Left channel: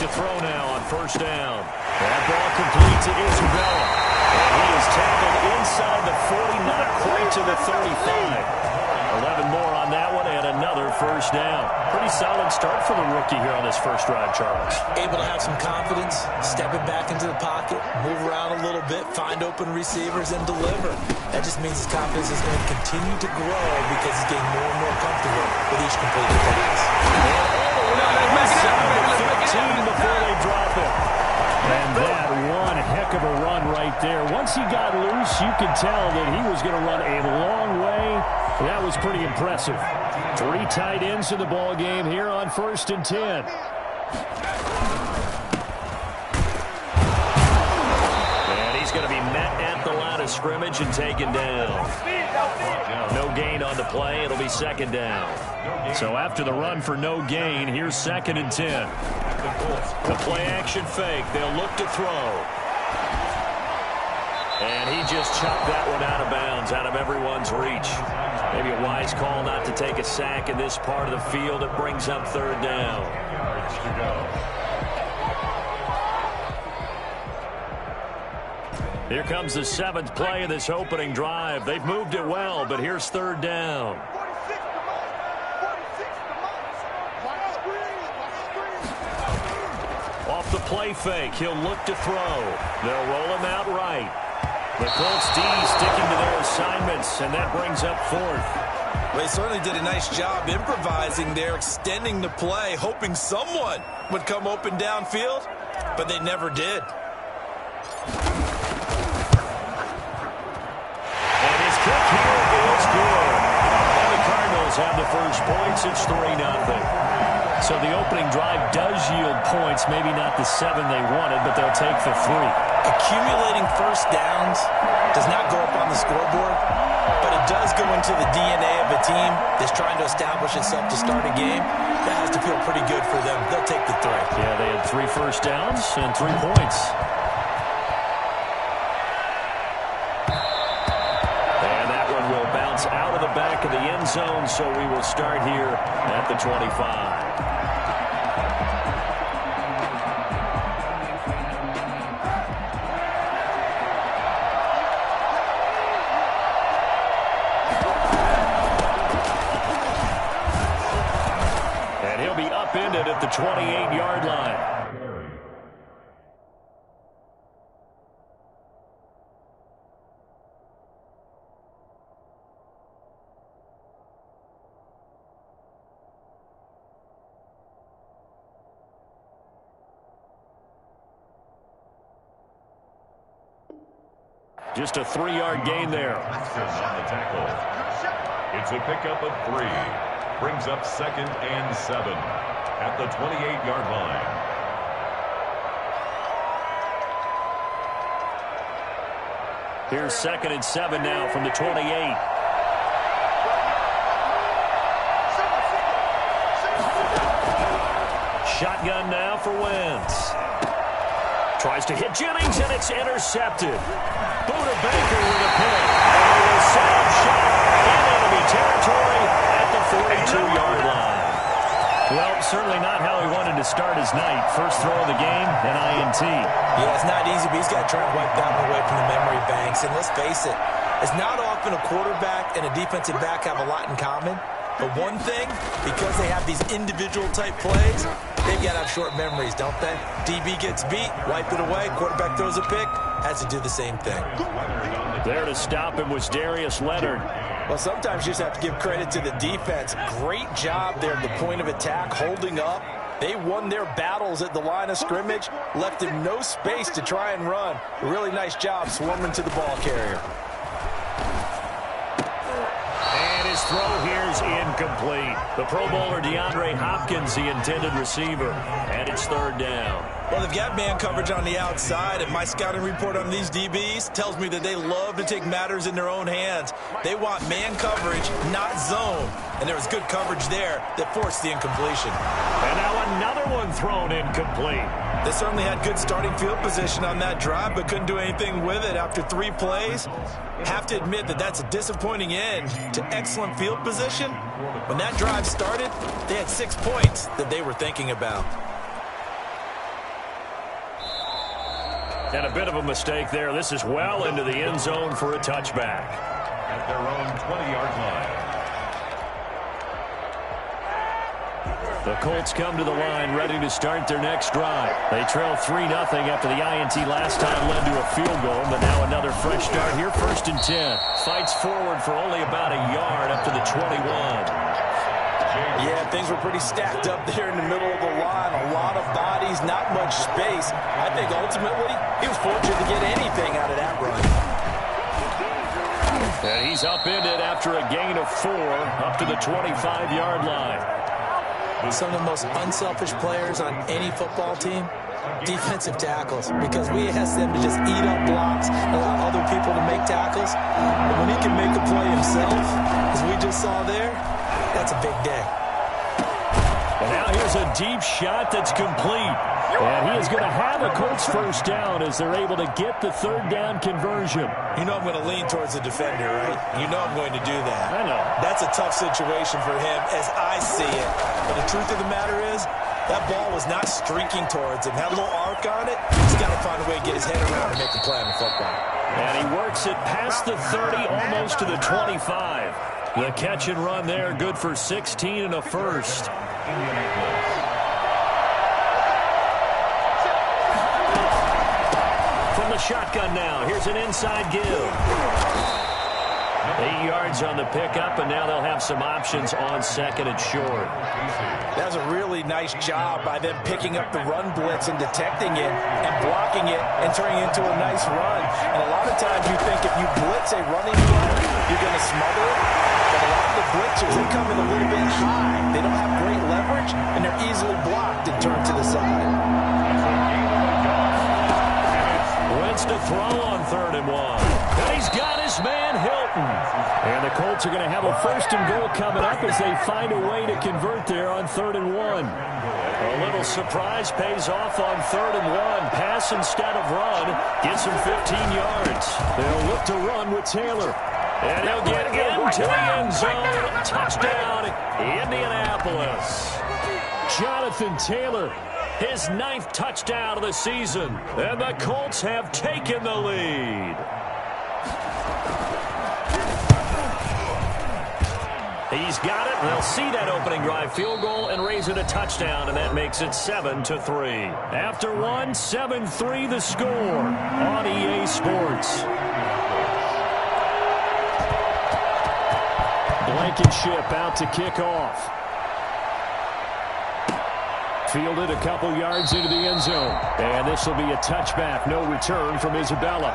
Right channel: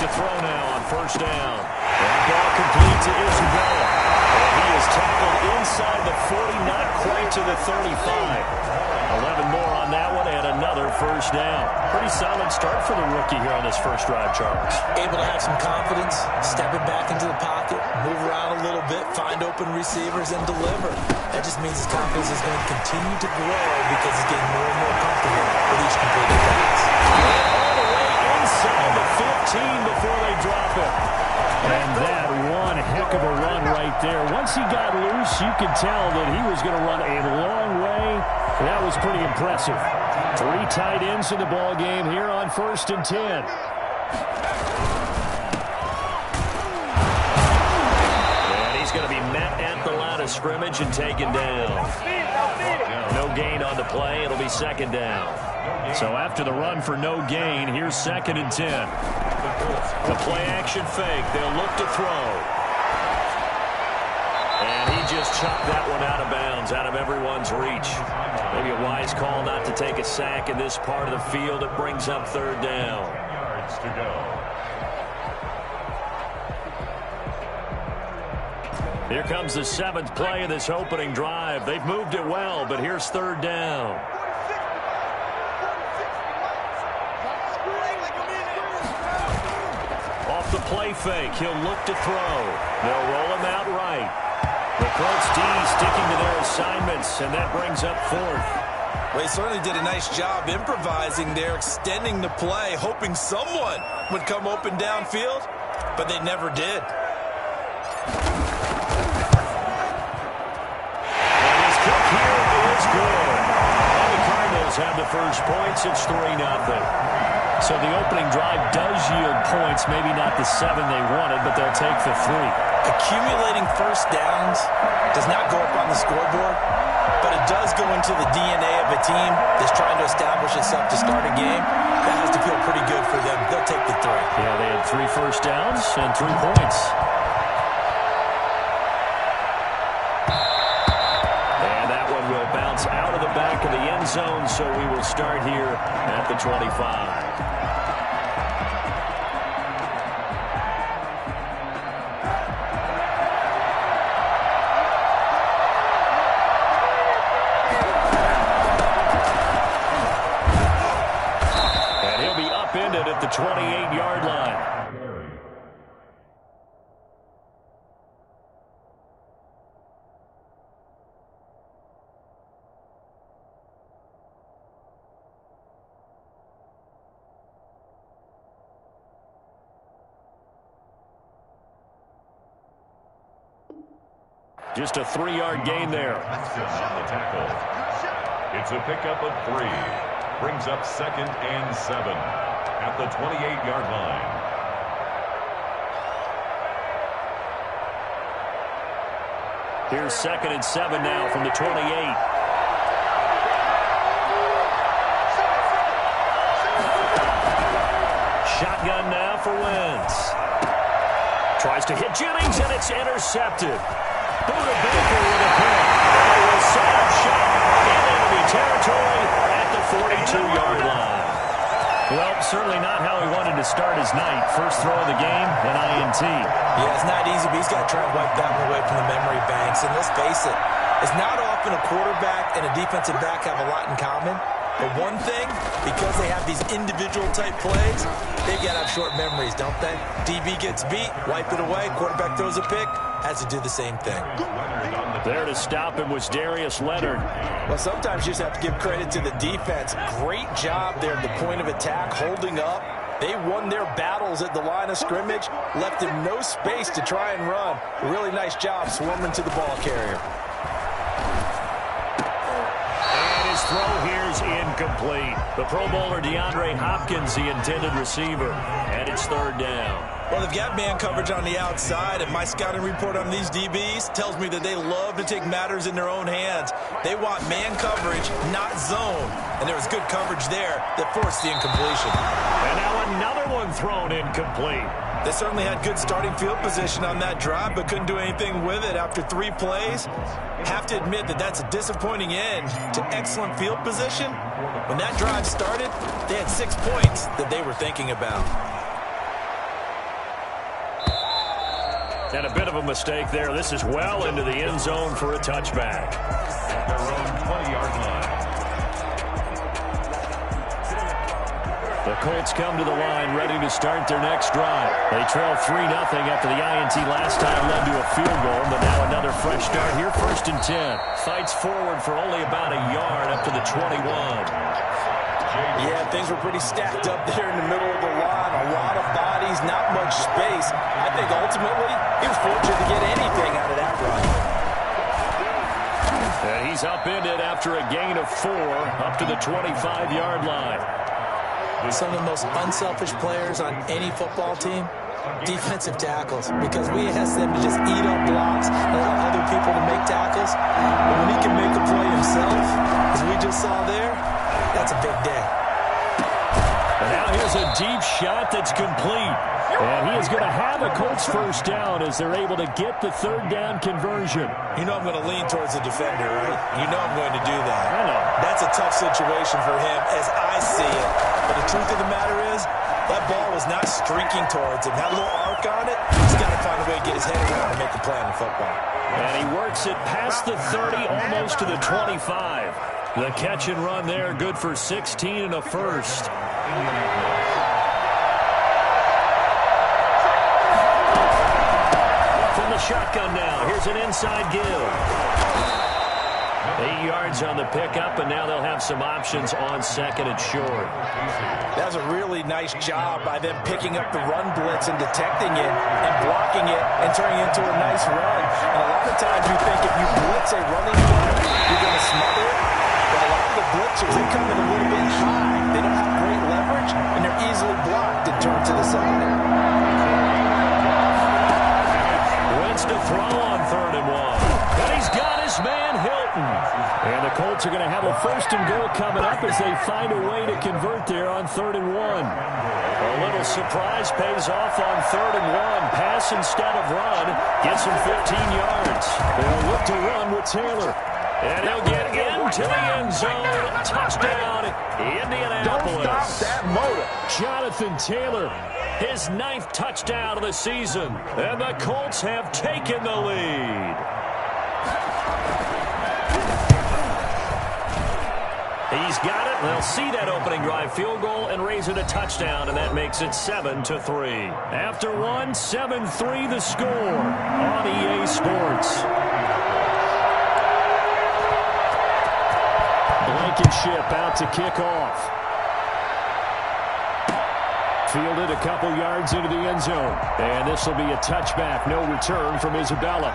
to throw now on first down. That ball complete to Isabella. And he is tackled inside the 40, not quite to the 35. 11 more on that one and another first down. Pretty solid start for the rookie here on this first drive, Charles. Able to have some confidence, step it back into the pocket, move around a little bit, find open receivers, and deliver. That just means his confidence is going to continue to grow because he's getting more and more comfortable with each completed pass. And all the way inside the 15 before they drop it. And that one heck of a run right there. Once he got loose, you could tell that he was going to run a long way. That was pretty impressive. 3 tight ends in the ball game here on 1st and 10. And he's going to be met at the line of scrimmage and taken down. No gain on the play. It'll be 2nd down. So after the run for no gain, here's 2nd and 10. The play action fake. They'll look to throw. And he just chucked that one out of bounds, out of everyone's reach. Maybe a wise call not to take a sack in this part of the field. It brings up 3rd down. Yards to go. Here comes the 7th play of this opening drive. They've moved it well, but here's 3rd down. Off the play fake, he'll look to throw. They'll roll him out right. The Colts D sticking to their assignments, and that brings up 4th. Well, he certainly did a nice job improvising there, extending the play, hoping someone would come open downfield, but they never did. And his kick here is good. And the Cardinals have the first points. It's 3-0. So the opening drive does yield points, maybe not the 7 they wanted, but they'll take the 3. Accumulating first downs does not go up on the scoreboard, but it does go into the DNA of a team that's trying to establish itself to start a game. That has to feel pretty good for them. They'll take the 3. Yeah, they had 3 first downs and 3 points. And that one will bounce out of the back of the end zone, so we will start here at the 25. Upended at the 28-yard line. Just a 3-yard gain there. On the tackle. It's a pickup of 3. Brings up 2nd and 7 at the 28-yard line. Here's 2nd and 7 now from the 28. Shotgun now for Wentz. Tries to hit Jennings, and it's intercepted. Buda Baker with a pick. And they will set up shop in enemy territory at the 42-yard line. Well, certainly not how he wanted to start his night. First throw of the game, an INT. Yeah, it's not easy, but he's got to try and wipe that one away from the memory banks. And let's face it, it's not often a quarterback and a defensive back have a lot in common. But one thing, because they have these individual-type plays, they've got to have short memories, don't they? DB gets beat, wipe it away, quarterback throws a pick, has to do the same thing. There to stop him was Darius Leonard. Well, sometimes you just have to give credit to the defense. Great job there at the point of attack, holding up. They won their battles at the line of scrimmage, left him no space to try and run. A really nice job swarming to the ball carrier. And his throw here's incomplete. The Pro Bowler DeAndre Hopkins, the intended receiver. And it's 3rd down. Well, they've got man coverage on the outside, and my scouting report on these DBs tells me that they love to take matters in their own hands. They want man coverage, not zone. And there was good coverage there that forced the incompletion. And now another one thrown incomplete. They certainly had good starting field position on that drive, but couldn't do anything with it after 3 plays. Have to admit that that's a disappointing end to excellent field position. When that drive started, they had 6 points that they were thinking about. And a bit of a mistake there. This is well into the end zone for a touchback. At their own 20-yard line. The Colts come to the line ready to start their next drive. They trail 3-0 after the INT last time led to a field goal, but now another fresh start here, 1st and 10. Fights forward for only about a yard up to the 21. Yeah, things were pretty stacked up there in the middle of the line. A lot of bodies, not much space. I think ultimately he was fortunate to get anything out of that run. And he's upended after a gain of 4 up to the 25-yard line. Some of the most unselfish players on any football team, defensive tackles, because we ask them to just eat up blocks and allow other people to make tackles. But when he can make a play himself, as we just saw there, that's a big day. And now here's a deep shot that's complete. And he is going to have a Colts first down as they're able to get the 3rd down conversion. You know I'm going to lean towards the defender, right? You know I'm going to do that. I know. That's a tough situation for him as I see it. But the truth of the matter is, that ball was not streaking towards him. Had a little arc on it. He's got to find a way to get his head around and make a play on the football. And he works it past the 30, almost to the 25. The catch and run there, good for 16 and a first. From the shotgun now, here's an inside give. 8 yards on the pickup, and now they'll have some options on 2nd and short. That was a really nice job by them picking up the run blitz and detecting it and blocking it and turning it into a nice run. And a lot of times you think if you blitz a running play, you're going to smother it. But a lot of the blitzers, they come in a little bit high. They don't have great leverage, and they're easily blocked and turned to the side. Wentz to throw on 3rd and 1. And he's got his man Hilton. And the Colts are going to have a 1st and goal coming up as they find a way to convert there on 3rd and 1. A little surprise pays off on 3rd and 1. Pass instead of run. Gets him 15 yards. They'll look to run with Taylor. And he'll get into the end zone. Touchdown, Indianapolis. Jonathan Taylor, his 9th touchdown of the season. And the Colts have taken the lead. He's got it. They'll see that opening drive field goal and raise it a touchdown, and that makes it 7-3. After 1, 7-3 the score on EA Sports. Blankenship out to kick off. Fielded a couple yards into the end zone. And this will be a touchback. No return from Isabella.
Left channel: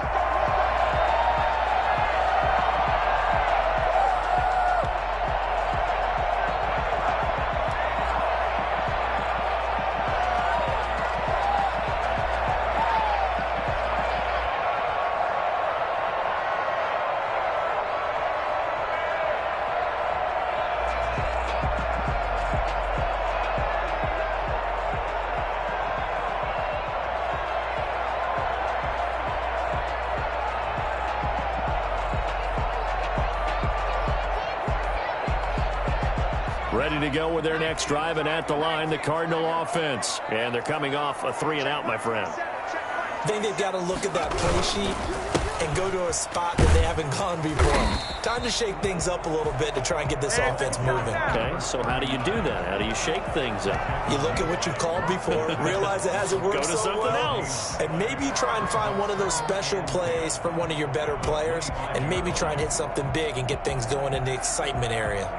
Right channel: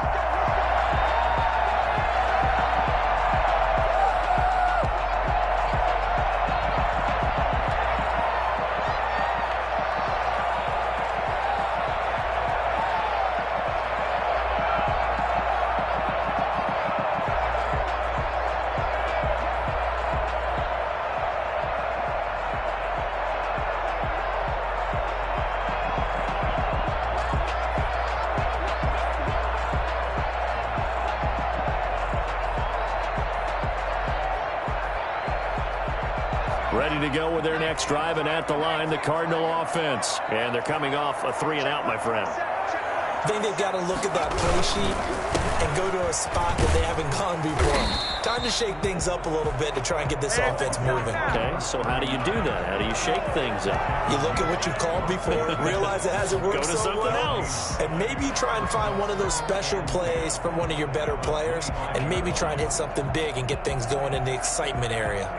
Ready to go with their next drive, and at the line, the Cardinal offense. And they're coming off a 3-and-out, my friend. I think they've got to look at that play sheet and go to a spot that they haven't gone before. Time to shake things up a little bit to try and get this offense moving. Okay, so how do you do that? How do you shake things up? You look at what you called before, realize it hasn't worked Go to so something well, else. and maybe try and find one of those special plays from one of your better players, and maybe try and hit something big and get things going in the excitement area.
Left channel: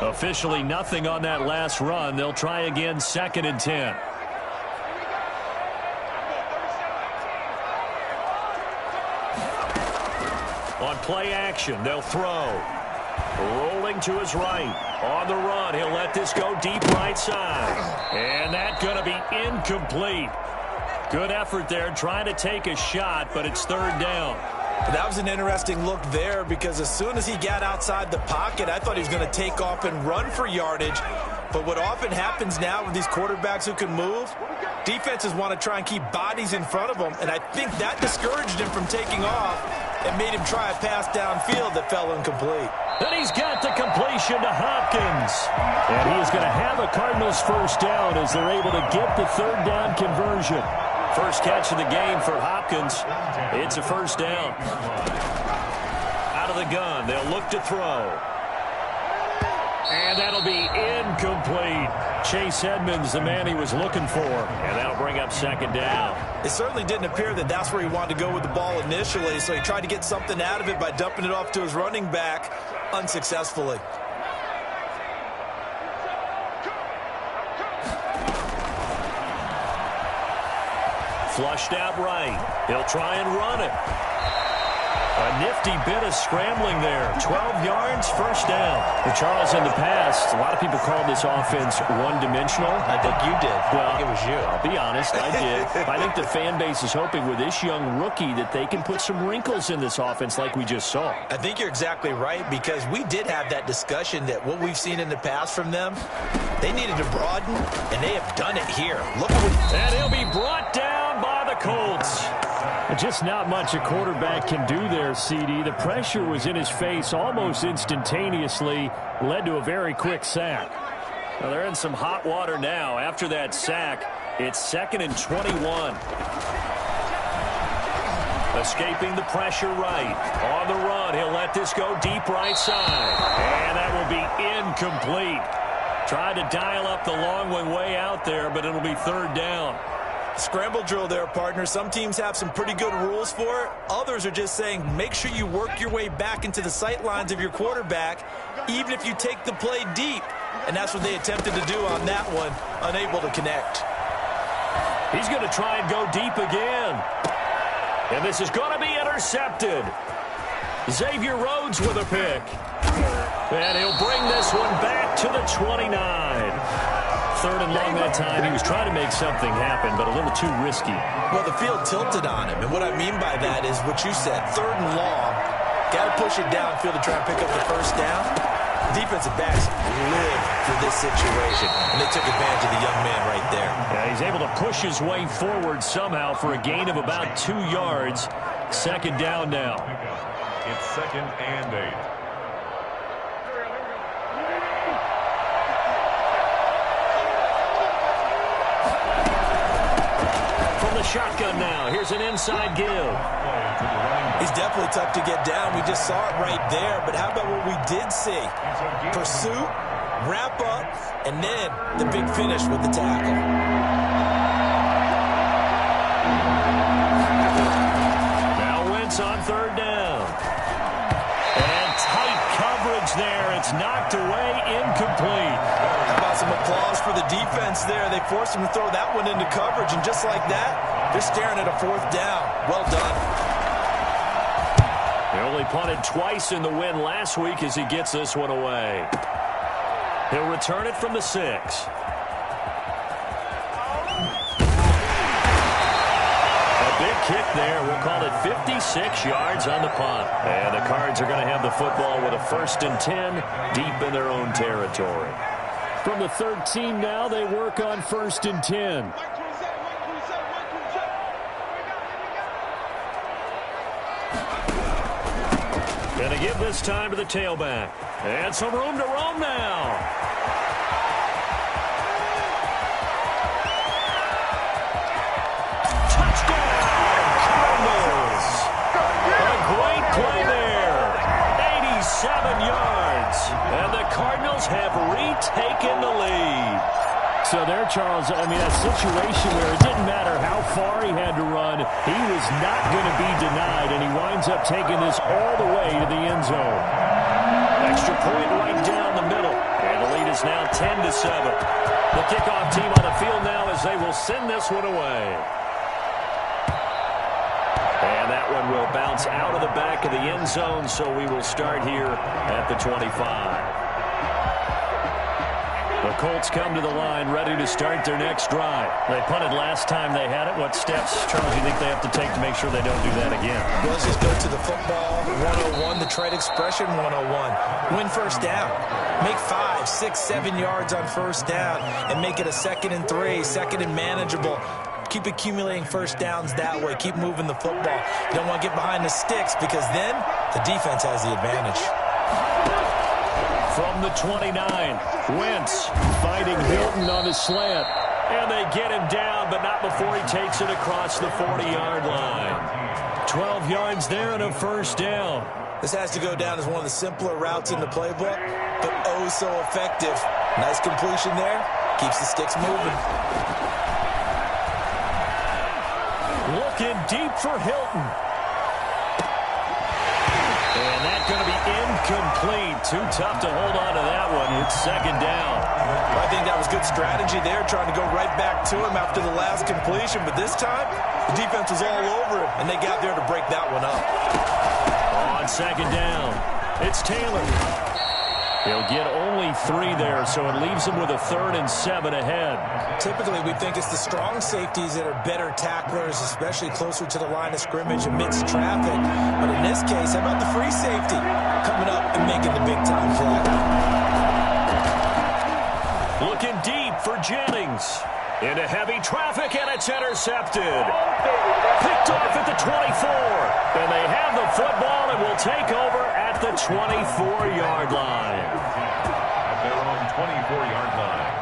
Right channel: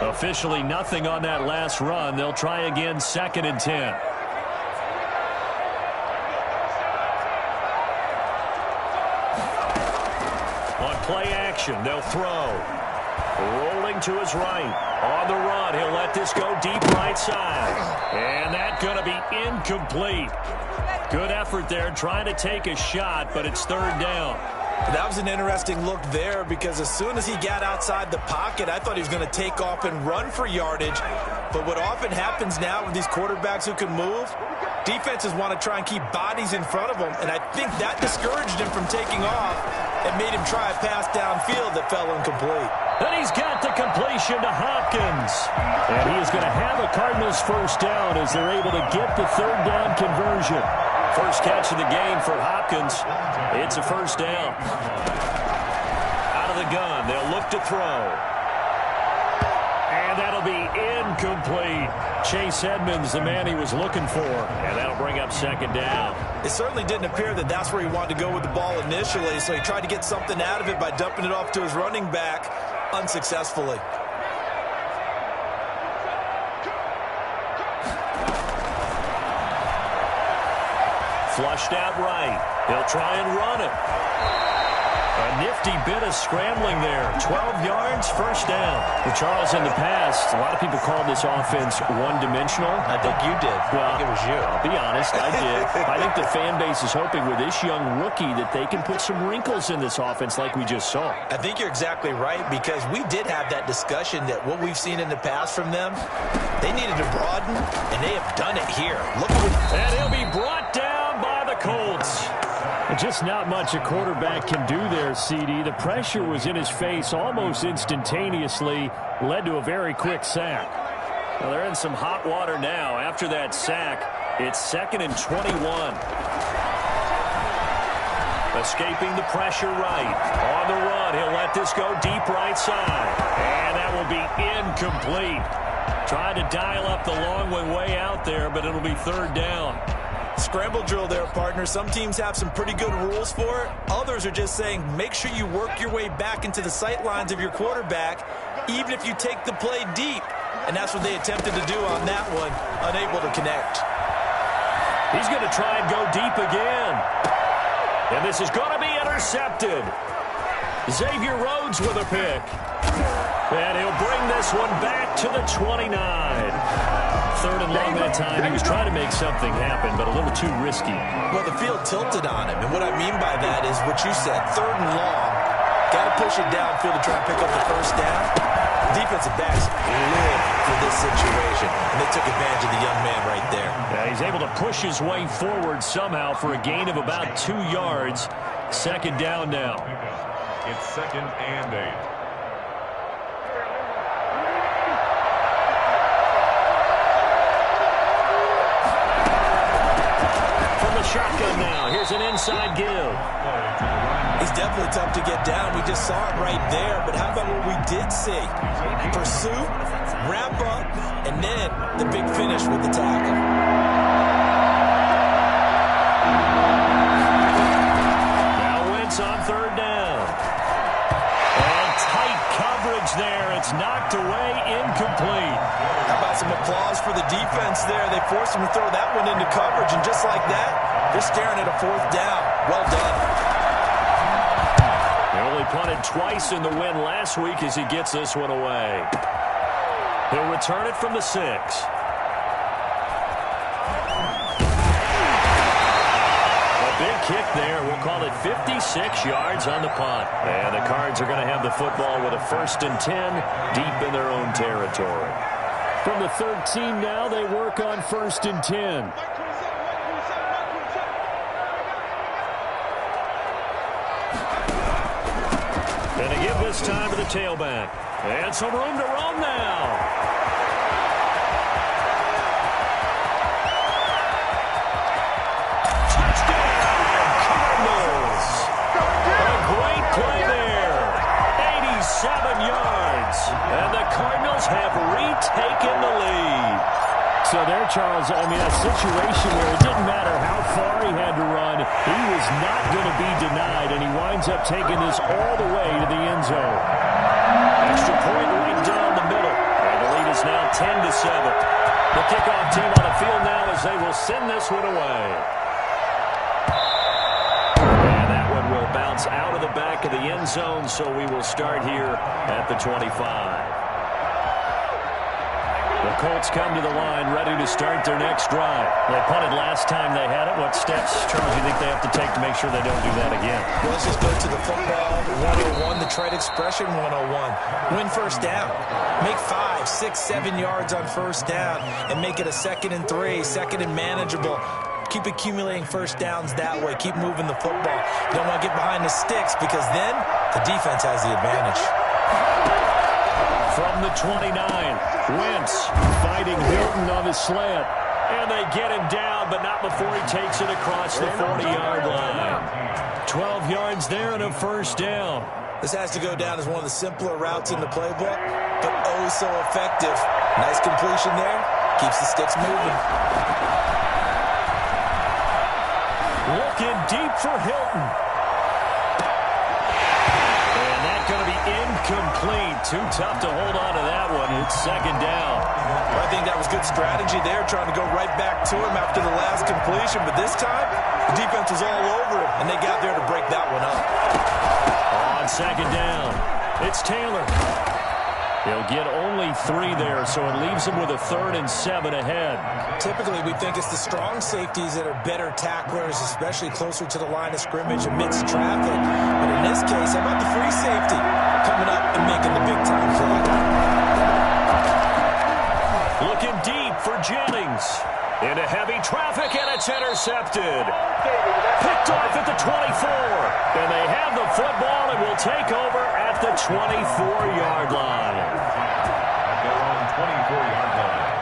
Officially nothing on that last run. They'll try again, 2nd and 10. On play action, they'll throw. Rolling to his right. On the run, he'll let this go deep right side. And that's going to be incomplete. Good effort there, trying to take a shot, but it's 3rd down. That was an interesting look there because as soon as he got outside the pocket, I thought he was going to take off and run for yardage. But what often happens now with these quarterbacks who can move, defenses want to try and keep bodies in front of them, and I think that discouraged him from taking off and made him try a pass downfield that fell incomplete. And he's got the completion to Hopkins. And he is going to have a Cardinals first down as they're able to get the third down conversion. First catch of the game for Hopkins. It's a first down. Out of the gun, they'll look to throw. And that'll be incomplete. Chase Edmonds, the man he was looking for. And that'll bring up second down. It certainly didn't appear that that's where he wanted to go with the ball initially, so he tried to get something out of it by dumping it off to his running back unsuccessfully. Flushed out right. He'll try and run it. A nifty bit of scrambling there. 12 yards, first down. Charles, in the past, a lot of people call this offense one-dimensional. I think you did. Well, I think it was you. I'll be honest, I did. I think the fan base is hoping with this young rookie that they can put some wrinkles in this offense like we just saw. I think you're exactly right, because we did have that discussion that what we've seen in the past from them, they needed to broaden, and they have done it here. Look at what... And he'll be brought down by the Colts. Just not much a quarterback can do there, CD. The pressure was in his face almost instantaneously, led to a very quick sack. Well, they're in some hot water now. After that sack, it's 2nd and 21. Escaping the pressure right. On the run, he'll let this go deep right side. And that will be incomplete. Tried to dial up the long one way out there, but it'll be third down. Scramble drill there, partner. Some teams have some pretty good rules for it. Others are just saying make sure you work your way back into the sight lines of your quarterback, even if you take the play deep. And that's what they attempted to do on that one, unable to connect. He's going to try and go deep again. And this is going to be intercepted. Xavier Rhodes with a pick. And he'll bring this one back to the 29. Third and long that time. He was trying to make something happen, but a little too risky. Well, the field tilted on him, and what I mean by that is what you said, third and long. Got to push it downfield to try and pick up the first down. Defensive backs live for this situation, and they took advantage of the young man right there. Yeah, he's able to push his way forward somehow for a gain of about 2 yards. Second down now. It's 2nd and 8. Shotgun now. Here's an inside give. He's definitely tough to get down. We just saw it right there. But how about what we did see? Pursuit, wrap up, and then the big finish with the tackle. Now Wentz on third down. And tight coverage there. It's knocked away, incomplete. How about some applause for the defense there? They forced him to throw that one into coverage, and just like that, they're staring at a fourth down. Well done. They only punted twice in the win last week as he gets this one away. He'll return it from the 6. A big kick there. We'll call it 56 yards on the punt. And the Cards are going to have the football with a 1st and 10 deep in their own territory. From the 13 now, they work on 1st and 10. And they give this time to the tailback. And some room to roam now. Touchdown, Cardinals. A great play there. 87 yards. And the Cardinals have retaken the lead. So there, Charles, I mean, a situation where it didn't matter how far he had to run, he was not going to be denied, and he winds up taking this all the way to the end zone. Extra point right down the middle, and the lead is now 10-7. The kickoff team on the field now as they will send this one away. And that one will bounce out of the back of the end zone, so we will start here at the 25. The The Colts come to the line, ready to start their next drive. They punted last time they had it. What steps, Charles, do you think they have to take to make sure they don't do that again? Well, let's just go to the football 101, the trade expression 101. Win first down. Make 5, 6, 7 yards on first down and make it a 2nd and 3, 2nd and manageable. Keep accumulating first downs that way. Keep moving the football. You don't want to get behind the sticks because then the defense has the advantage. From the 29, Wentz fighting Hilton on the slant. And they get him down, but not before he takes it across the 40-yard line. 12 yards there and a first down. This has to go down as one of the simpler routes in the playbook, but oh so effective. Nice completion there. Keeps the sticks moving. Looking deep for Hilton. And that's going to be incomplete. Too tough to hold on to that one. It's 2nd down. Well, I think that was good strategy there, trying to go right back to him after the last completion. But this time, the defense was all over him, and they got there to break that one up. On 2nd down, it's Taylor. He'll get only 3 there, so it leaves him with a 3rd and 7 ahead. Typically, we think it's the strong safeties that are better tacklers, especially closer to the line of scrimmage amidst traffic. But in this case, how about the free safety coming up and making the big-time play? Looking deep for Jennings. Into heavy traffic, and it's intercepted. Picked off at the 24. And they have the football and will take over at the 24-yard line. At their own 24-yard line.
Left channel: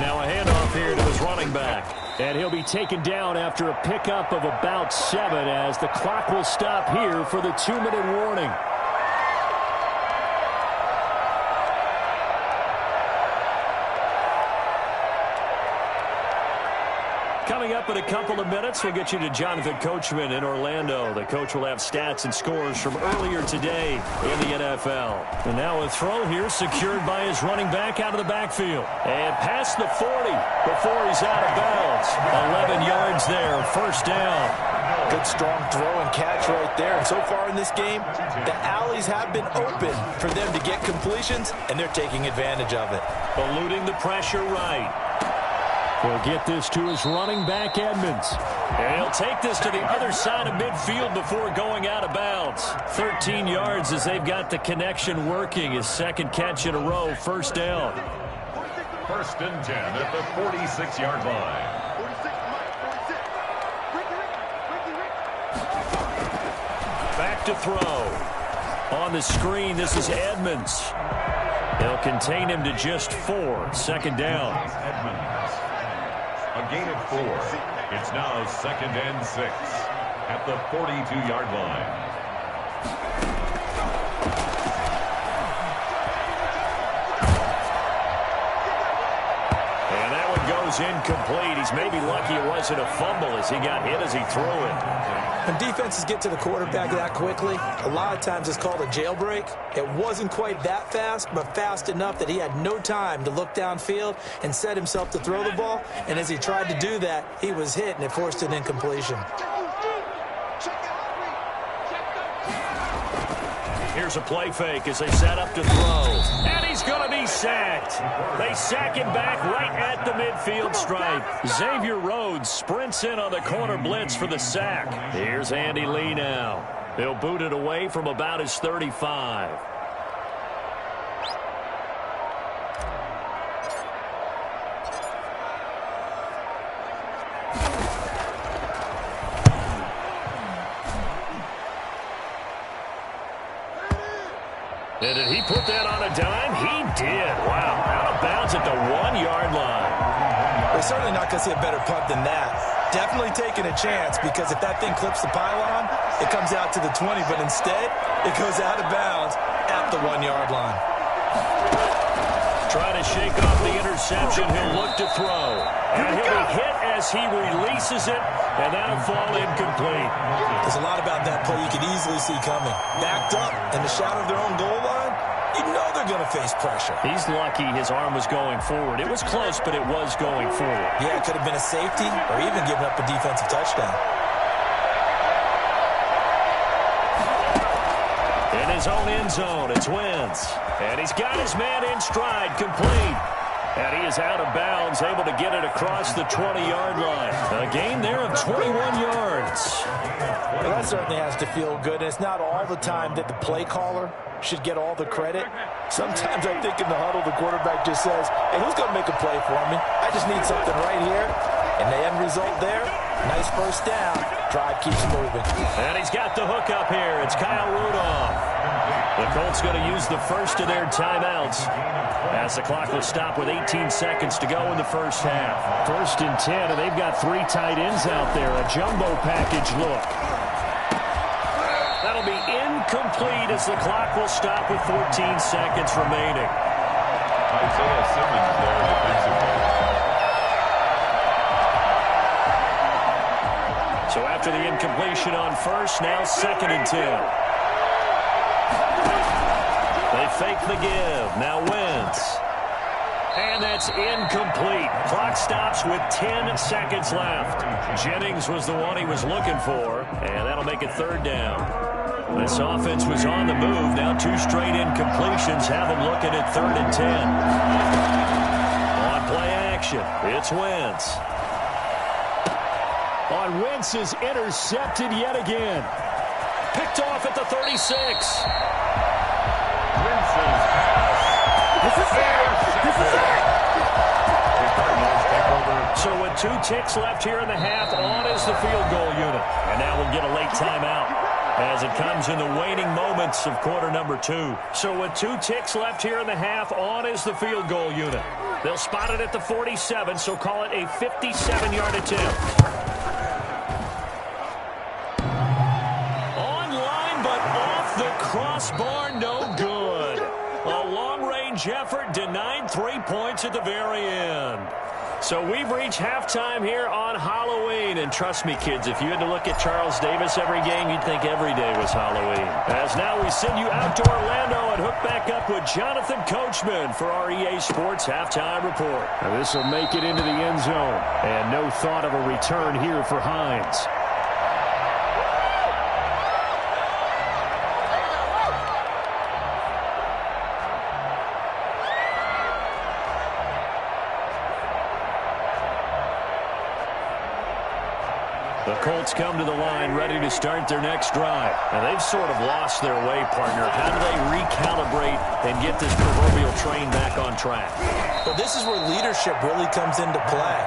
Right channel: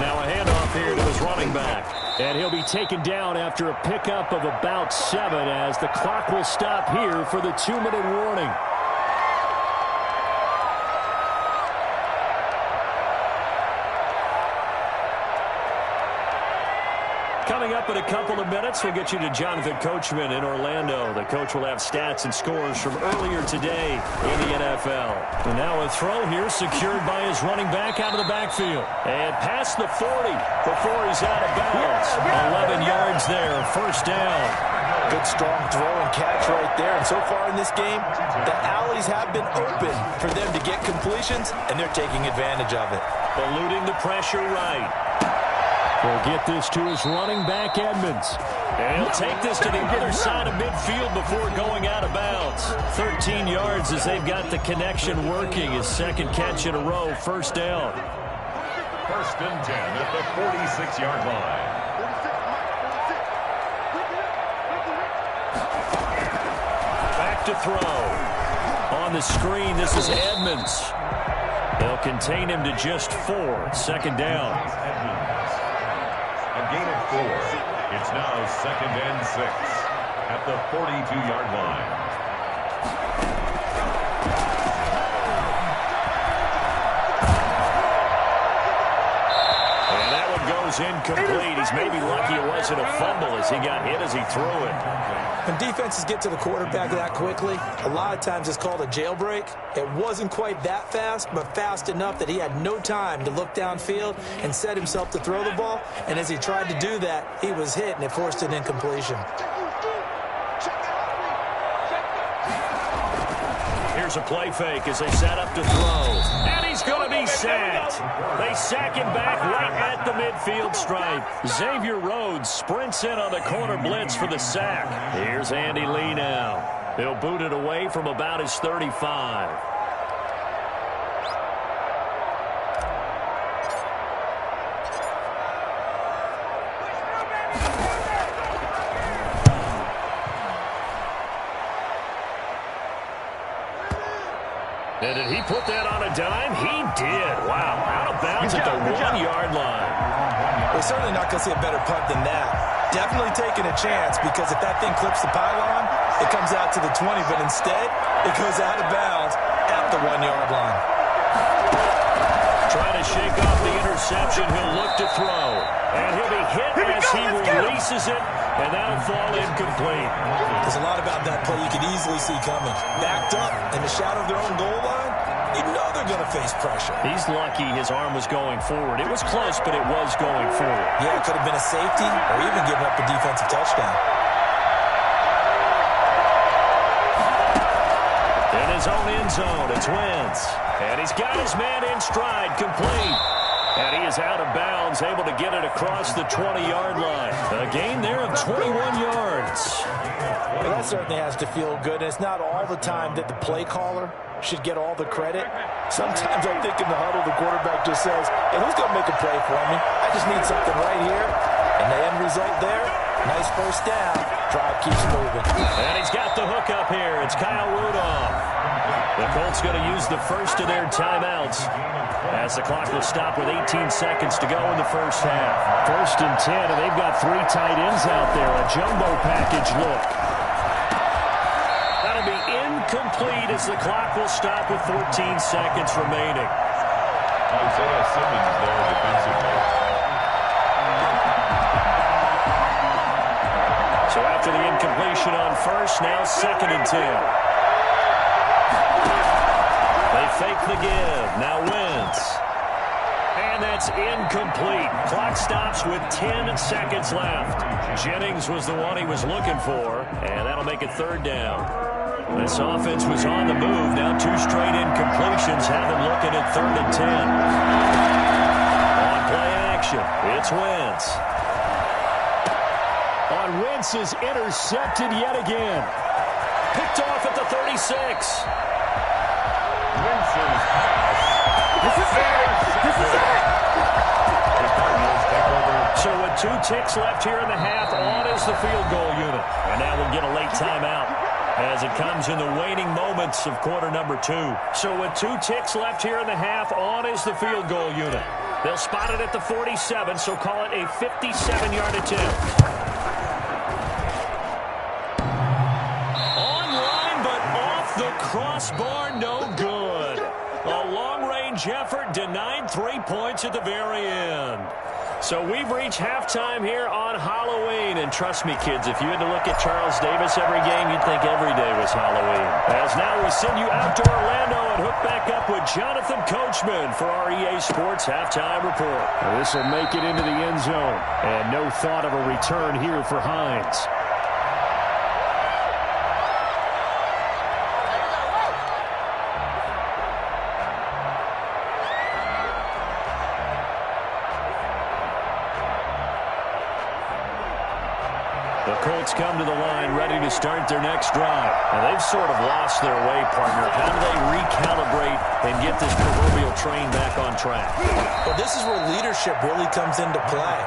Now a handoff here to his running back. And he'll be taken down after a pickup of about 7 as the clock will stop here for the 2-minute warning. Coming up in a couple of minutes, we'll get you to Jonathan Coachman in Orlando. The coach will have stats and scores from earlier today in the NFL. And now a throw here secured by his running back out of the backfield. And past the 40 before he's out of bounds. 11 yards there, first down. Good strong throw and catch right there. And so far in this game, the alleys have been open for them to get completions, and they're taking advantage of it. Eluding the pressure right. He'll get this to his running back, Edmonds. And he'll take this to the other side of midfield before going out of bounds. 13 yards as they've got the connection working. His 2nd catch in a row, first down. 1st and 10 at the 46-yard line. Back to throw. On the screen, this is Edmonds. They'll contain him to just 4, 2nd down. Edmonds. A gain of 4. It's now 2nd and 6 at the 42-yard line. And that one goes incomplete. He's maybe lucky it wasn't a fumble as he got hit as he threw it. When defenses get to the quarterback that quickly, a lot of times it's called a jailbreak. It wasn't quite that fast, but fast enough that he had no time to look downfield and set himself to throw the ball. And as he tried to do that, he was hit, and it forced an incompletion. Here's a play fake as they set up to throw. And he's going to be sacked. They sack him back right at the midfield stripe. Xavier Rhodes sprints in on the corner blitz for the sack. Here's Andy Lee now. He'll boot it away from about his 35. And did he put that on a dime? He did. Wow. Out of bounds at the 1-yard line. We're certainly not going to see a better punt than that. Definitely taking a chance because if that thing clips the pylon, it comes out to the 20. But instead, it goes out of bounds at the 1-yard line. Trying to shake off the interception. He'll look to throw. And he'll be hit as he releases it. And that'll fall incomplete. There's a lot about that play you could easily see coming. Backed up in the shadow of their own goal line, you know they're going to face pressure. He's lucky his arm was going forward. It was close, but it was going forward. Yeah, it could have been a safety or even given up a defensive touchdown. In his own end zone, it's Wentz. And he's got his man in stride, complete. And he is out of bounds, able to get it across the 20-yard line. A gain there of 21 yards. Well, that certainly has to feel good. And it's not all the time that the play caller should get all the credit. Sometimes I think in the huddle, the quarterback just says, hey, who's going to make a play for me? I just need something right here. And the end result there, nice first down. Drive keeps moving. And he's got the hook up here. It's Kyle Rudolph. The Colts going to use the first of their timeouts as the clock will stop with 18 seconds to go in the first half. 1st and 10, and they've got 3 tight ends out there. A jumbo package look. That'll be incomplete as the clock will stop with 14 seconds remaining. Isaiah Simmons there defensively. So after the incompletion on first, now 2nd and 10. They fake the give. Now Wentz. And that's incomplete. Clock stops with 10 seconds left. Jennings was the one he was looking for, and that'll make it 3rd down. This offense was on the move. Now 2 straight incompletions have them looking at 3rd and 10. On play action, it's Wentz. On Wentz is intercepted yet again. Picked off at the 36. Winston's pass. This is it! This is it! The Cardinals take over. So with 2 ticks left here in the half, on is the field goal unit. And now we'll get a late timeout as it comes in the waning moments of quarter number 2. So with 2 ticks left here in the half, on is the field goal unit. They'll spot it at the 47, so call it a 57-yard attempt. Online, but off the crossbar, no good. A long-range effort denied 3 points at the very end. So we've reached halftime here on Halloween. And trust me, kids, if you had to look at Charles Davis every game, you'd think every day was Halloween. As now we send you out to Orlando and hook back up with Jonathan Coachman for our EA Sports Halftime Report. Now this will make it into the end zone. And no thought of a return here for Hines. The Colts come to the line ready to start their next drive. And they've sort of lost their way, partner. How do they recalibrate and get this proverbial train back on track? Well, this is where leadership really comes into play.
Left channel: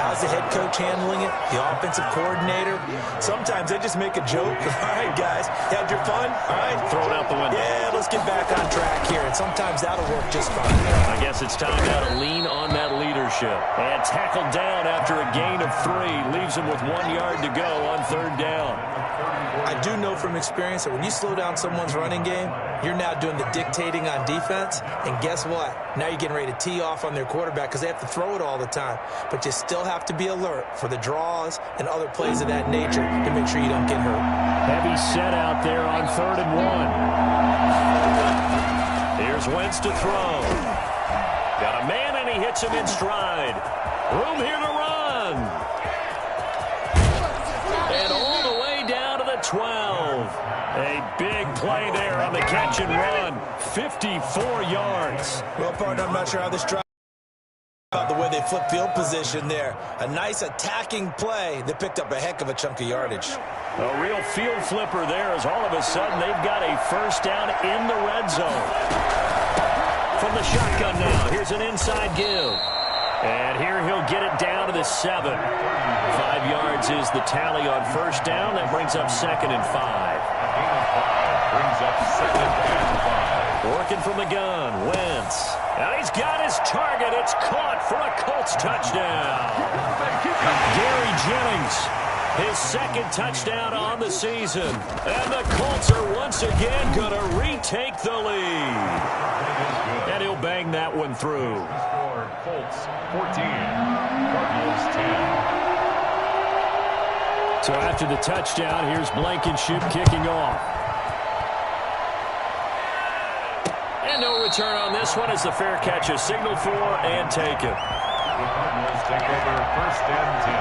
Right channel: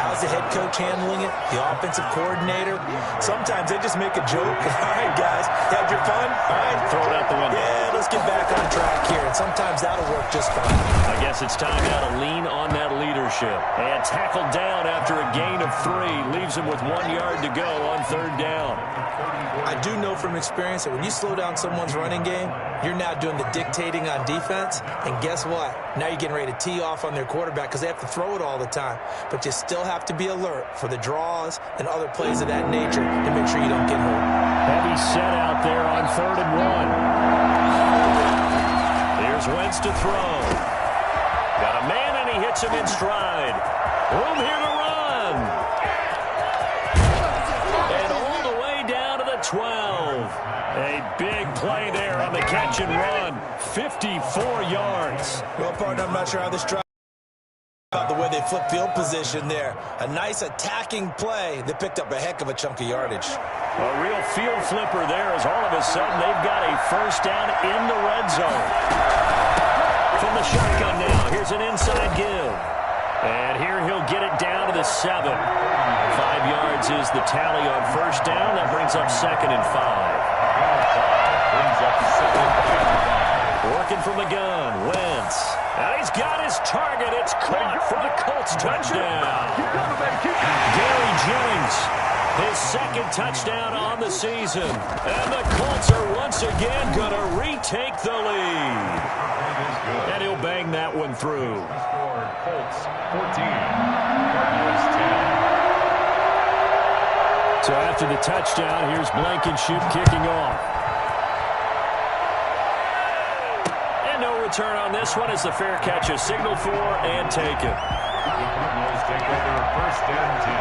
How's the head coach handling it? The offensive coordinator? Sometimes they just make a joke. All right, guys, had your fun? All right. Throw it out the window. Yeah, let's get back on track here. And sometimes that'll work just fine. I guess it's time now to lean on that leadership. And tackled down after a gain of 3. Leaves him with 1 yard to go on 3rd down. I do know from experience that when you slow down someone's running game, you're now doing the dictating on defense. And guess what? Now you're getting ready to tee off on their quarterback because they have to throw it all the time. But you still have to be alert for the draws and other plays of that nature to make sure you don't get hurt. Heavy set out there on 3rd and 1. Here's Wentz to throw. Got a man and he hits him in stride. Room here to run. And all the way down to the 12. A big play there on the catch and run. 54 yards. Well, partner, I'm not sure how this drive about the way they flip field position there. A nice attacking play that picked up a heck of a chunk of yardage. A real field flipper there as all of a sudden they've got a first down in the red zone. From the shotgun now, here's an inside give. And here he'll get it down to the 7. 5 yards is the tally on first down. That brings up 2nd and 5. Brings up 2nd and 5. Working from the gun, Wentz. And he's got his target. It's caught for a Colts touchdown. Gary Jennings, his 2nd touchdown on the season. And the Colts are once again going to retake the lead. And he'll bang that one through. Score Colts 14, Cardinals 10. So after the touchdown, here's Blankenship kicking off. And no return on this one as the fair catch is signaled for and taken. The Cardinals take over 1st and 10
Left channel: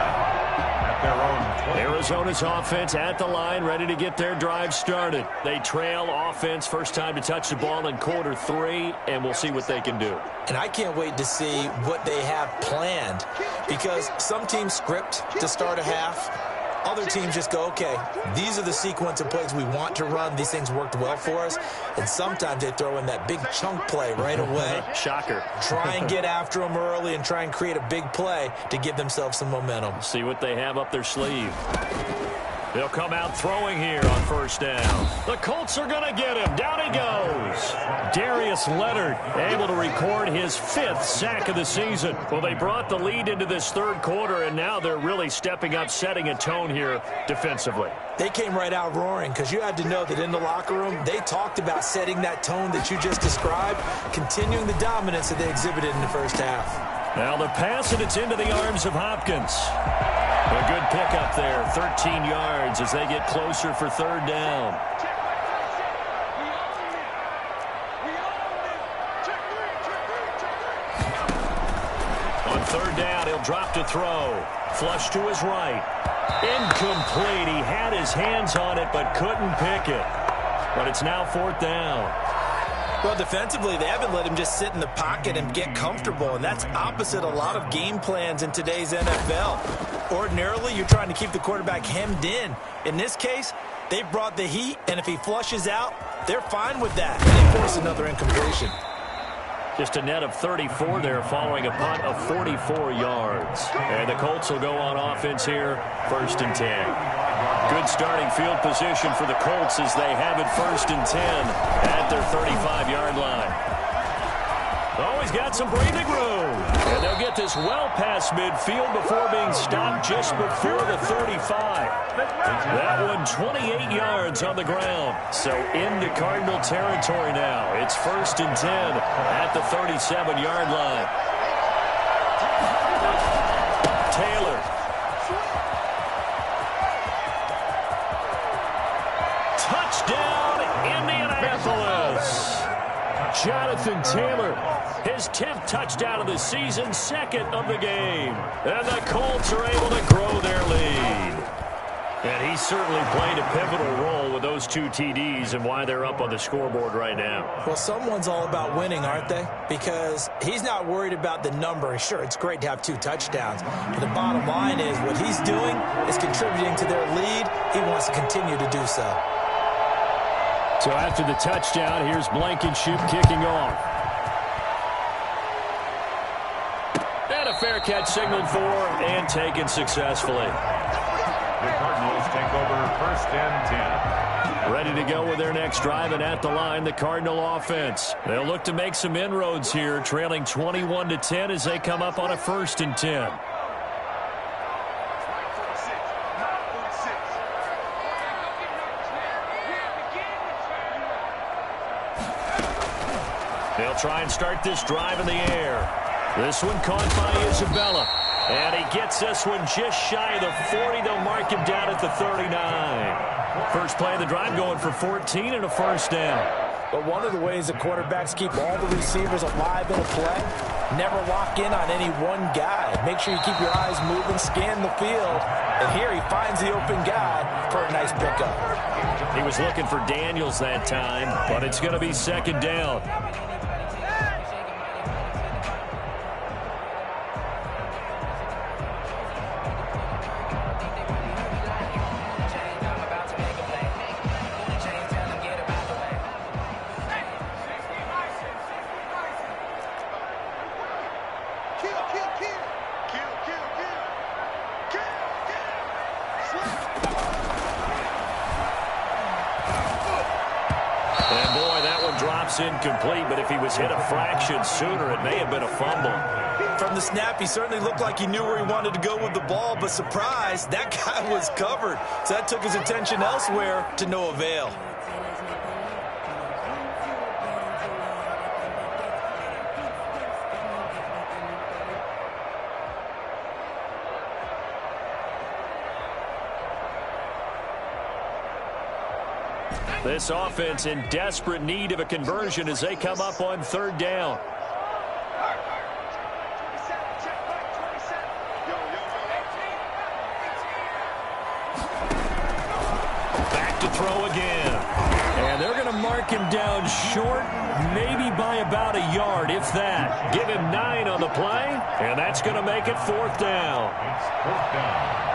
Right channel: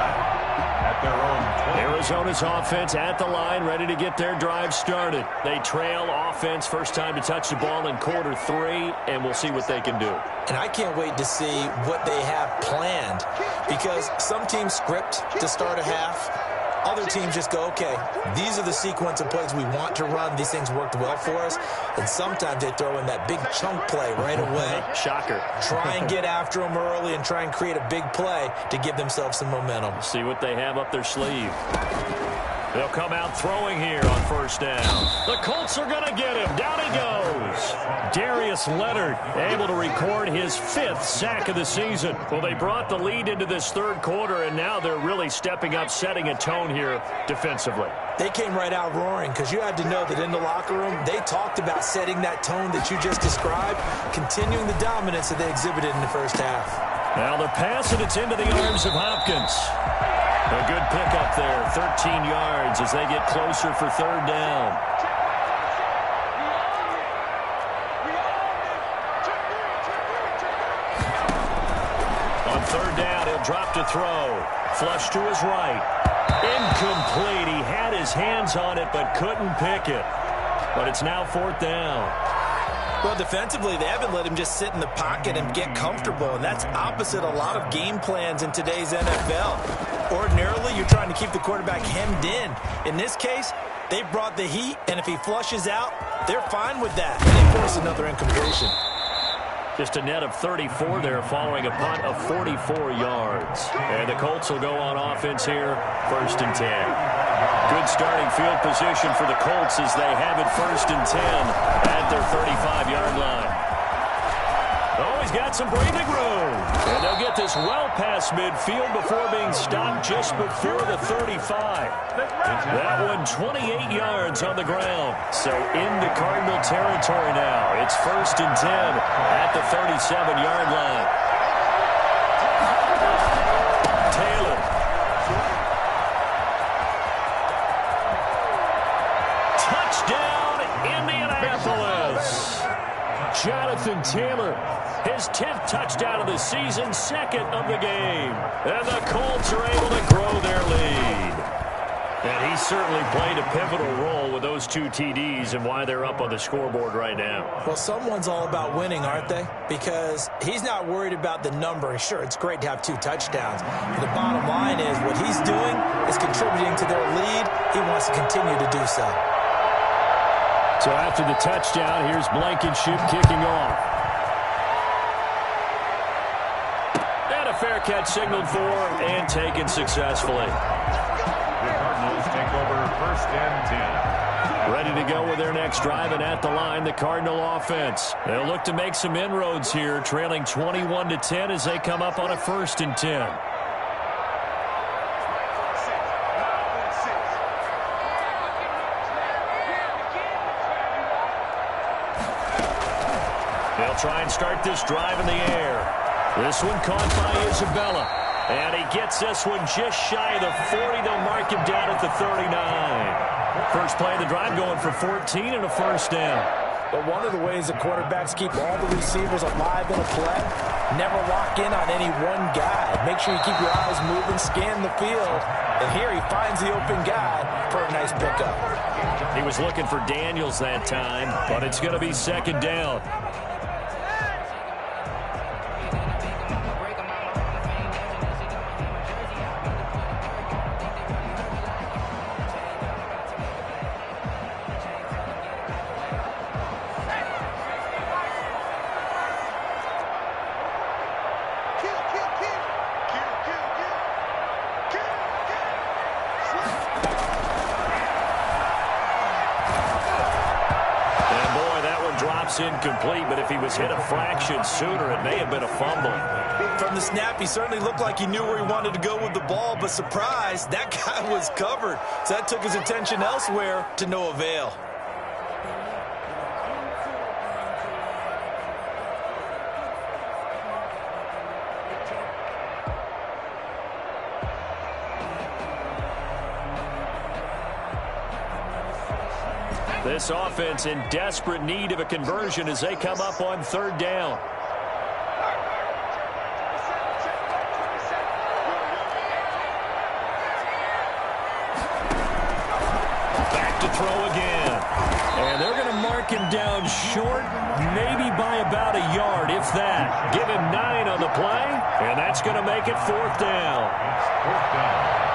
at at their own 20. Arizona's offense at the line, ready to get their drive started. They trail offense, first time to touch the ball in quarter 3, and we'll see what they can do. And I can't wait to see what they have planned, because some teams script to start a half. Other teams just go, okay, these are the sequence of plays we want to run. These things worked well for us. And sometimes they throw in that big chunk play right away. Shocker. Try and get after them early and try and create a big play to give themselves some momentum. See what they have up their sleeve. They'll come out throwing here on first down. The Colts are going to get him. Down he goes. Darius Leonard able to record his 5th sack of the season. Well, they brought the lead into this third quarter, and now they're really stepping up, setting a tone here defensively. They came right out roaring, because you had to know that in the locker room, they talked about setting that tone that you just described, continuing the dominance that they exhibited in the first half. Now the pass, and it's into the arms of Hopkins. A good pickup there, 13 yards as they get closer for third down. On third down, he'll drop to throw. Flush to his right. Incomplete. He had his hands on it but couldn't pick it. But it's now fourth down. Well, defensively, they haven't let him just sit in the pocket and get comfortable, and that's opposite a lot of game plans in today's NFL. Ordinarily, you're trying to keep the quarterback hemmed in. In this case, they brought the heat, and if he flushes out, they're fine with that. And they force another incompletion. Just a net of 34 there following a punt of 44 yards. And the Colts will go on offense here, first and 10. Good starting field position for the Colts as they have it first and 10 at their 35-yard line. Oh, he's got some breathing room. And they'll get this well past midfield before being stopped just before the 35. That one 28 yards on the ground. So into Cardinal territory now. It's first and 10 at the 37-yard line. Taylor. Touchdown, Indianapolis. Jonathan Taylor, his 10th touchdown of the season, 2nd of the game. And the Colts are able to grow their lead. And he certainly played a pivotal role with those 2 TDs and why they're up on the scoreboard right now. Well, someone's all about winning, aren't they? Because he's not worried about the number. Sure, it's great to have 2 touchdowns. But the bottom line is what he's doing is contributing to their lead. He wants to continue to do so. So after the touchdown, here's Blankenship kicking off. And a fair catch signaled for and taken successfully. The Cardinals take over first and 10. Ready to go with their next drive, and at the line, the Cardinal offense. They'll look to make some inroads here, trailing 21-10 as they come up on a first and 10. They'll try and start this drive in the air. This one caught by Isabella. And he gets this one just shy of the 40. They'll mark him down at the 39. First play of the drive going for 14 and a first down. But one of the ways that quarterbacks keep all the receivers alive in a play, never lock in on any one guy. Make sure you keep your eyes moving, scan the field. And here he finds the open guy for a nice pickup. He was looking for Daniels that time, but it's going to be second down. Incomplete, but if he was hit a fraction sooner, it may have been a fumble. From the snap, he certainly looked like he knew where he wanted to go with the ball, but surprise, that guy was covered. So that took his attention elsewhere to no avail. This offense in desperate need of a conversion as they come up on third down. throw again. And they're going to mark him down short, maybe by about a yard, if that. Give him 9 on the play, and that's going to make it 4th down. It's 4th down.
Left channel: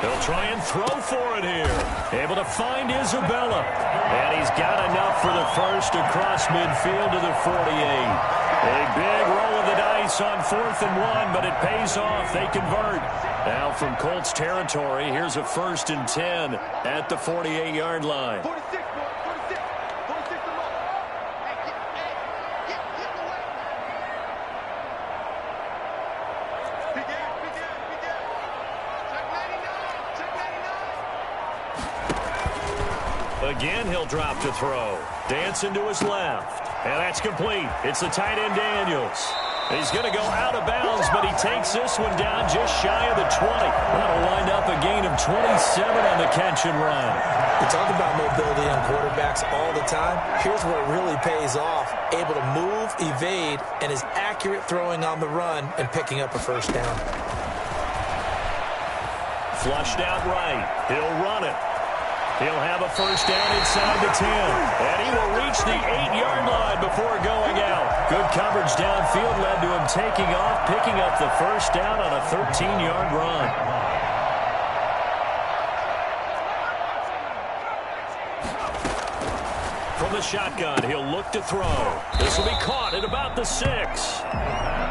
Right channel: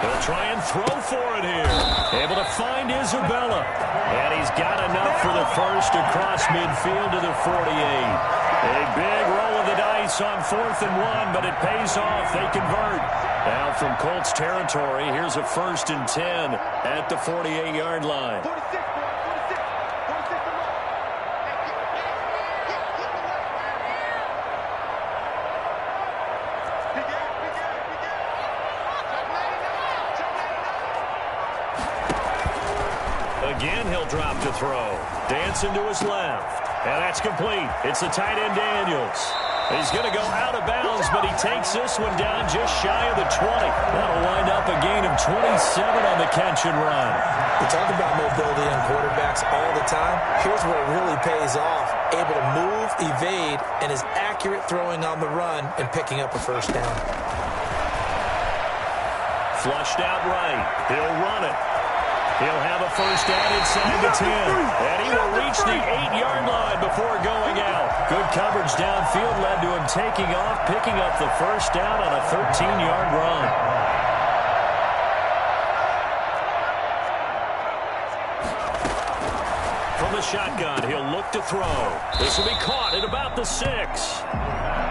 He'll try and throw for it here. Able to find Isabella. And he's got enough for the first across midfield to the 48. A big roll of the dice on 4th and 1, but it pays off. They convert. Now from Colts territory, here's a 1st and 10 at the 48-yard line. 46, boy. 46. 46 to low. Hey, get the way. Big ass. Check 99. Again, he'll drop to throw. Dancing to his left. And that's complete. It's the tight end Daniels. He's going to go out of bounds, but he takes this one down just shy of the 20. That'll wind up a gain of 27 on the catch and run. We talk about mobility on quarterbacks all the time. Here's where it really pays off. Able to move, evade, and is accurate throwing on the run and picking up a first down. Flushed out right. He'll run it. He'll have a first down inside the 10. And he will reach the 8-yard line before going out. Good coverage downfield led to him taking off, picking up the first down on a 13-yard run. From the shotgun, he'll look to throw. This will be caught at about the 6.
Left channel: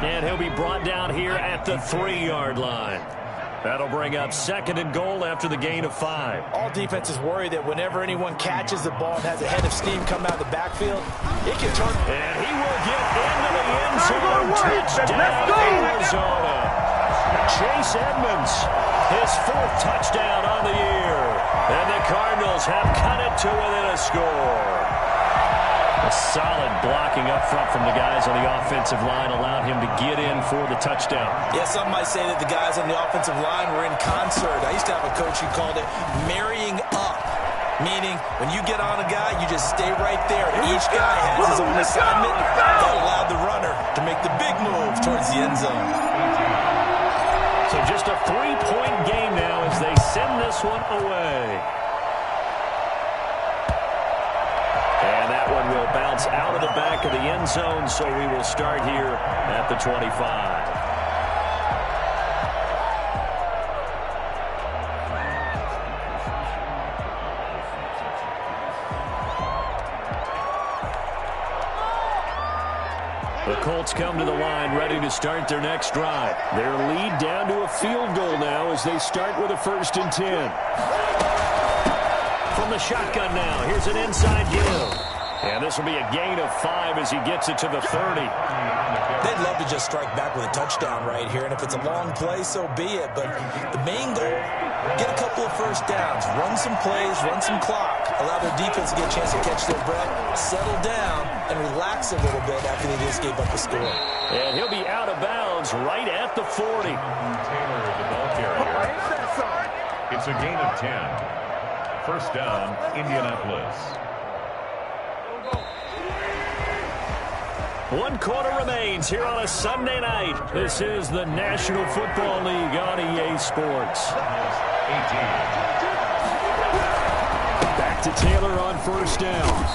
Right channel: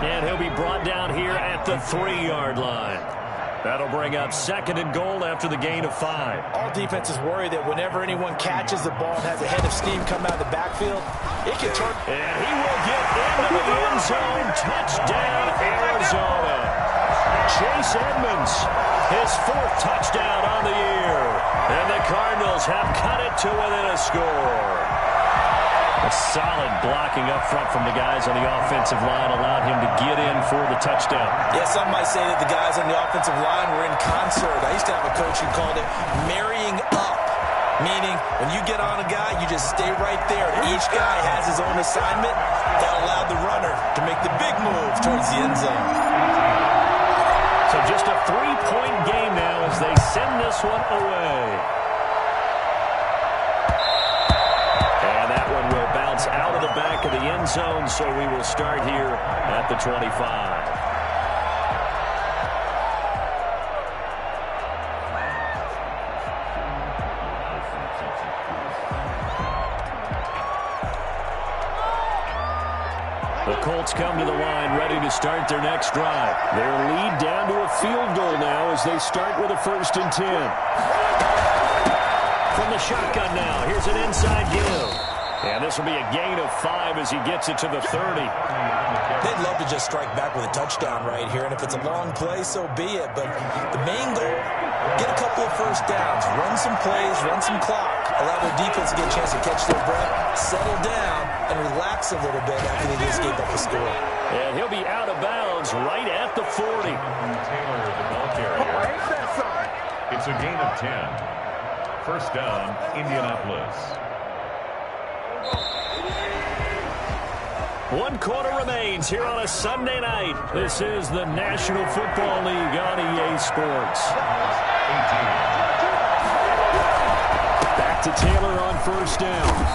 And he'll be brought down here at the 3-yard line. That'll bring up 2nd and goal after the gain of 5. All defenses worry that whenever anyone catches the ball and has a head of steam come out of the backfield, it can turn. And he will get into the end zone. Touchdown, Arizona. Chase Edmonds, his 4th touchdown on the year. And the Cardinals have cut it to within a score. A solid blocking up front from the guys on the offensive line allowed him to get in for the touchdown. Yeah, some might say that the guys on the offensive line were in concert. I used to have a coach who called it marrying up, meaning when you get on a guy, you just stay right there. And each guy has his own assignment. That allowed the runner to make the big move towards the end zone. So just a 3-point game now as they send this one away. And that one will bounce out of the back of the end zone, so we will start here at the 25. The Colts come to the line ready to start their next drive. Their lead down to a field goal now as they start with a 1st and 10. From the shotgun now, here's an inside give. And this will be a gain of 5 as he gets it to the 30. They'd love to just strike back with a touchdown right here, and if it's a long play, so be it. But the main goal, get a couple of first downs, run some plays, run some clock, allow their defense to get a chance to catch their breath, settle down, and relax a little bit after they just gave up a score. And he'll be out of bounds right at the 40. Taylor, the ball carrier. It's a gain of 10. First down, Indianapolis. 1 quarter remains here on a Sunday night. This is the National Football League on EA Sports. 18. Back to Taylor on first down.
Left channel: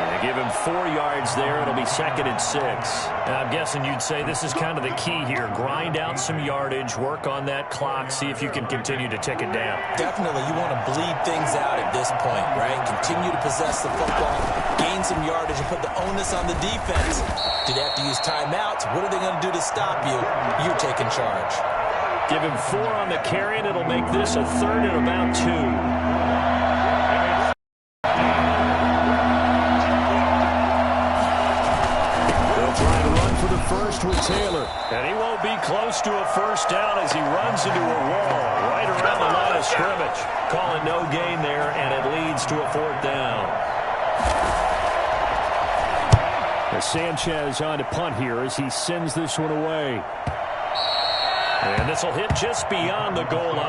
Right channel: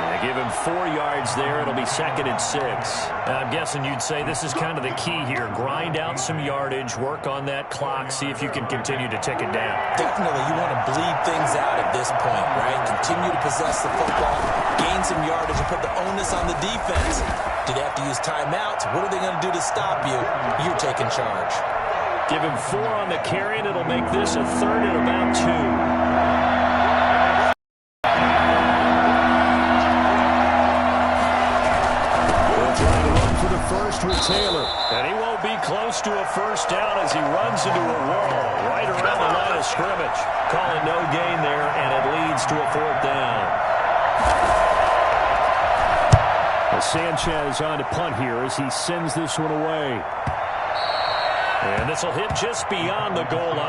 And give him 4 yards there. It'll be 2nd and 6. I'm guessing you'd say this is kind of the key here. Grind out some yardage, work on that clock, see if you can continue to tick it down. Definitely, you want to bleed things out at this point, right? Continue to possess the football, gain some yardage, and put the onus on the defense. Do they have to use timeouts? What are they going to do to stop you? You're taking charge. Give him 4 on the carry, and it'll make this a 3rd and about 2. First with Taylor. And he won't be close to a first down as he runs into a wall right around the line of scrimmage. Calling no gain there, and it leads to a 4th down. Sanchez on to punt here as he sends this one away. And this will hit just beyond the goal line.